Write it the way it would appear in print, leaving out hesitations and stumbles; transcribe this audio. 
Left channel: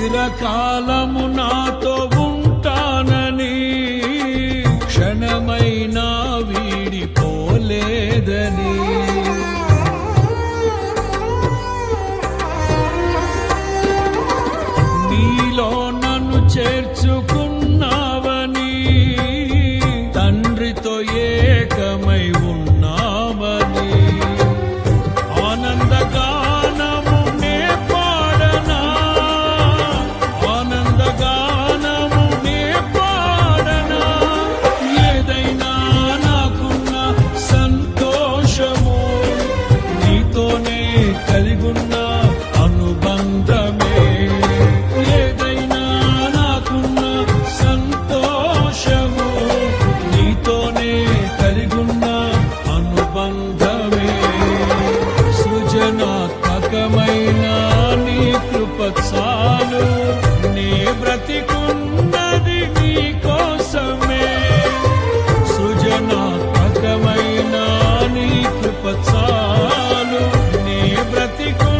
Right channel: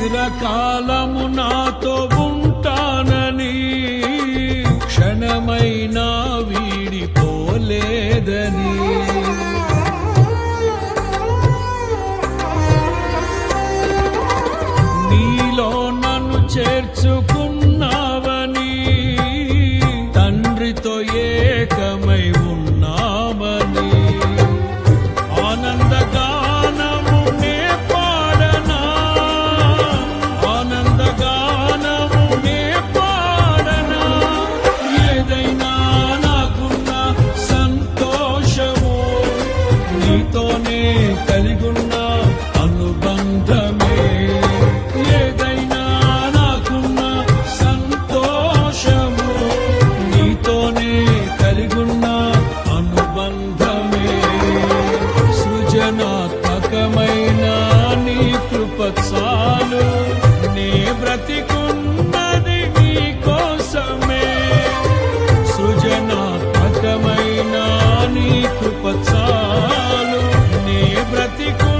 చిరకాలము నాతో ఉంటానని క్షణమైనా వీడిపోలేదని నీలో నన్ను చేర్చుకున్నావని తండ్రితో ఏకమై ఉన్నామని ఆనందగానము నే పాడనా ఆనందగానము నే పాడనా ఏదైనా నాకున్న సంతోషము నీతోనే కలిగున్న అనుబంధమే ఏదైనా నాకున్న సంతోషము నీతోనే కలిగున్న అనుబంధమే సృజనాత్మకమైన నీ కృప చాలు నే బ్రతికున్నది నీ కోసమే సృజనాత్మకమైన నీ కృప చాలు నే బ్రతికు